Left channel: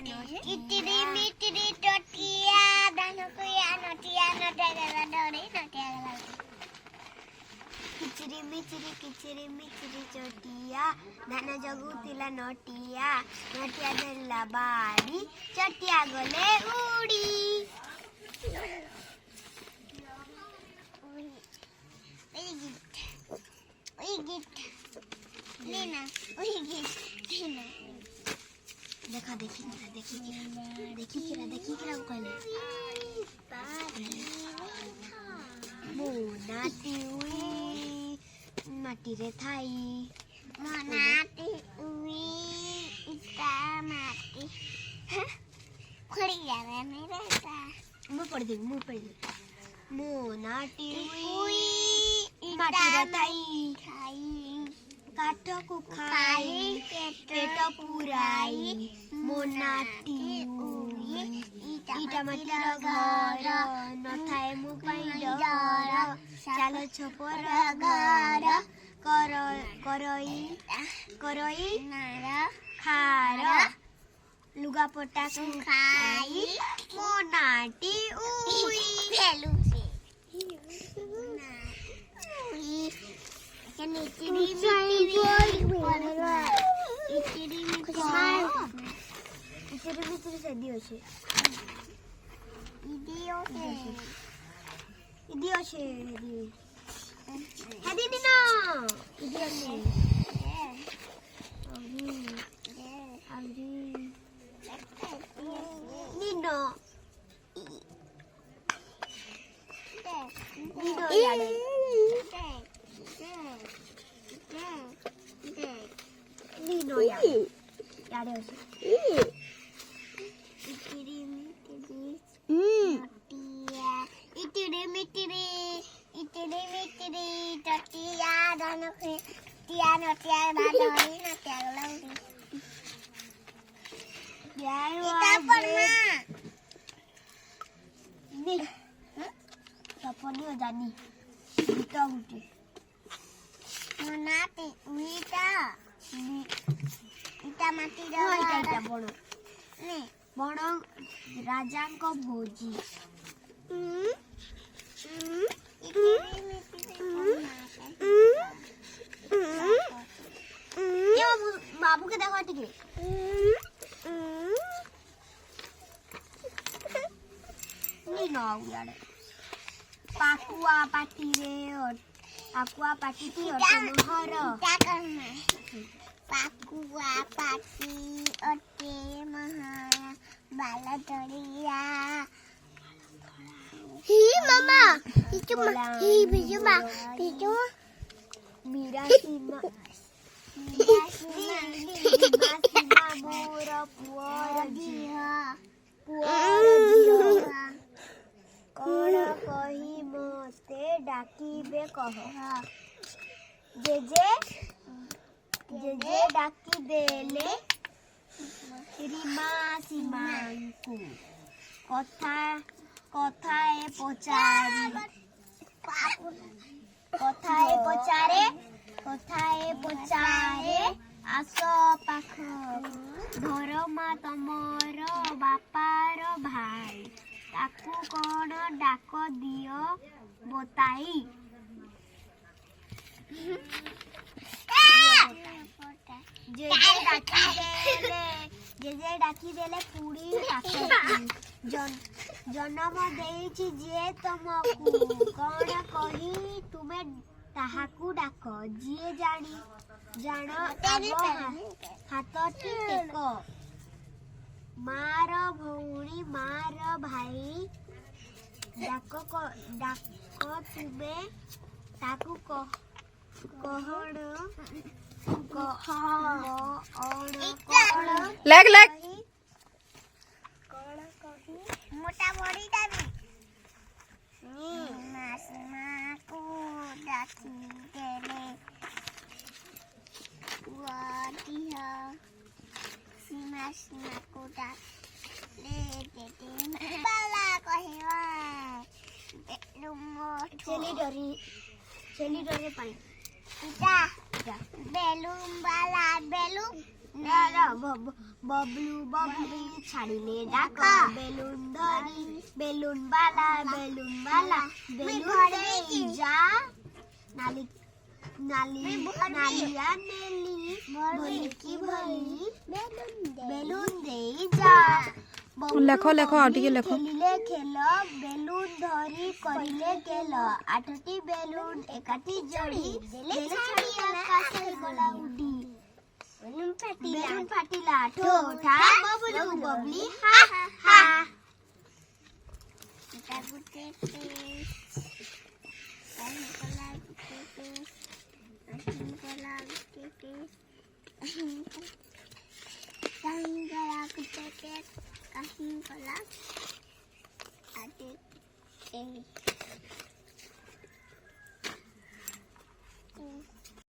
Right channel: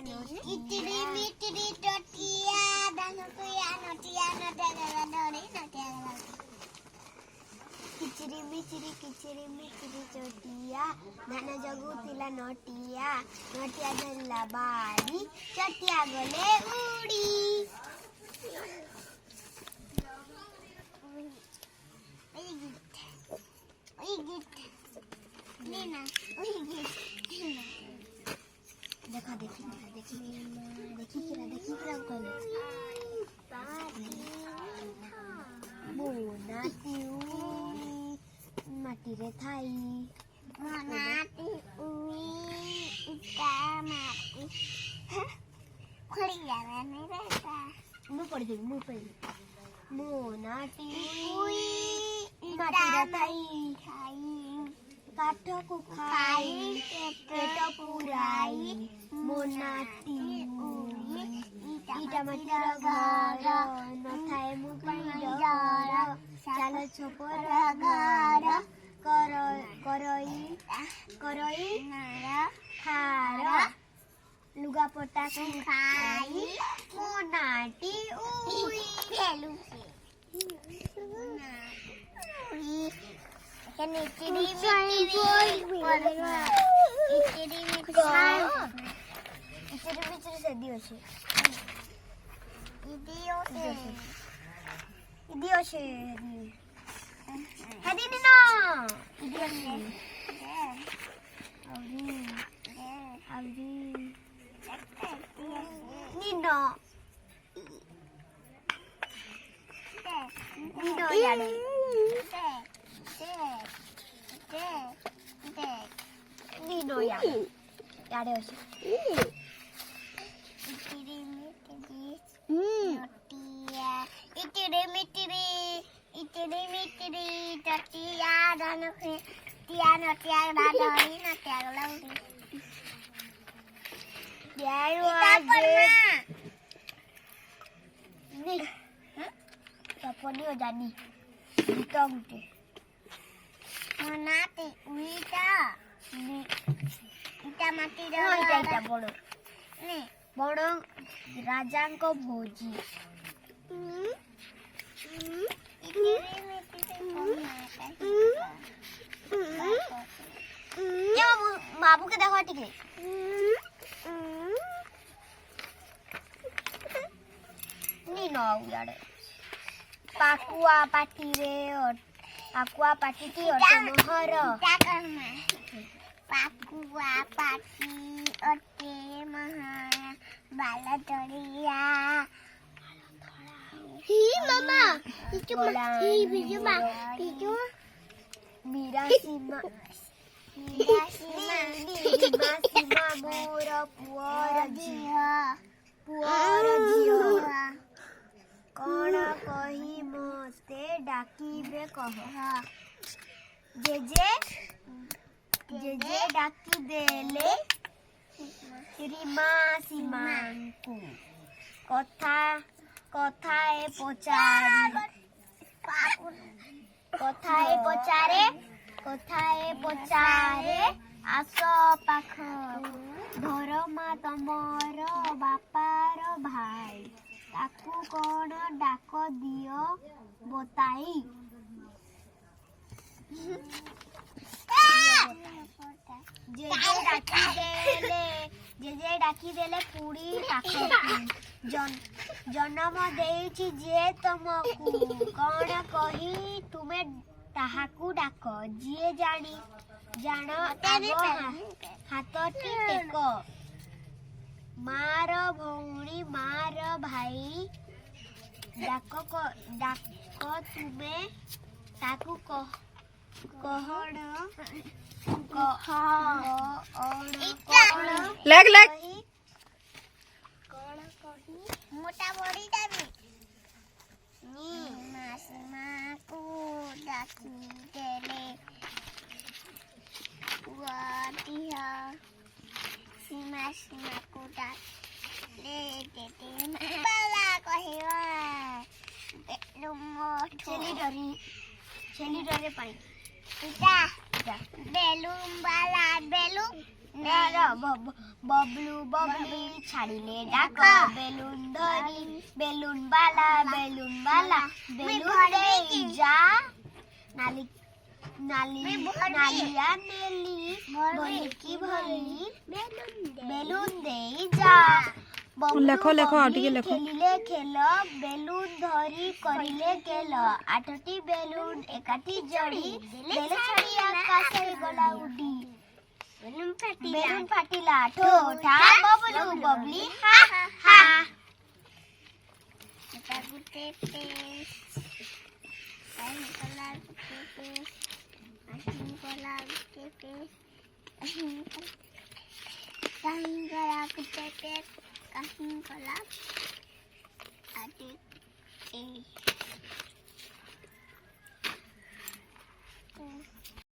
Itiri mitiri totia danokuya notia notagala dori notagala. Kichiri mitiri chotia dana jagutila notia notia della bari chotia gole udi. Lina, Lina. देखा देखी कहले मोनाटी उई माटी रे Thai मोनाटी उई इता माटी खड़ी जा रहा मेरा ता मुंह पड़ दे मोनाटी उई माटी रे थाई काठ को खाई पेट पुराई मोनाटी इटा माटीर घर न थाए मु पई डर चाल छपर घर करई खार लुगा पटा खाई मोनाटी उई भेलु इतनी से दियो छे बड़ राजा को भोजी बाबू के देखो टिके नी नो यार पाकुआ पाटी रे और पाकुआ पाटी की और मोहर क्या करना पाकुआ पाटी ओटे महारा बाला तोड़िया ही मामा इचु ही बिजु मा बिजु मीरा सीमा मोर पुअर दिया कौन कही मोते डाकिबे कह जे डाकी देले श्रीमा सीमांकु कथाए पचारे आस पाख धरमा तमर बापार भाई ताकू कौन डाक दियो बताई जे डाकी देले पुड़ी पाखकु जन्म देइछि जे तुमकु कौन कही तुमे ताहाकू डाक जिए जान हाथटी टेक मार भौणी मार भाई डाक तुमे ताकू लग मोटा बड़ी दाबी मासीमा को डाकी देले वाटिया सीमा को डाले देते बाला कहिवा बेलुमो छेली डरे पाई इटा बेलुम बाला बेलु बबलू बबली छाड़िले डाक बेलून धरी बेलून बाला बेलून दे जा नाली नाली नालिया नेली भोली की भोली बेलून दे जा লেখো লেখো আর টিকে লেখো খেলিলে খেল বেলুন ধরি করিলে গেল আটটি বেলুন একাটি জড়ি দেলে ছাড়ি আকাশে গলা উডি বেলুন ফাটিলা ঠোঁঠা ববলু ববলি হা হা এটা গুতে পেস কাহিন কলা গুতে পেস কাহিন কলা গুতে পেস কাহিন কলা গুতে পেস কাহিন কলা আটে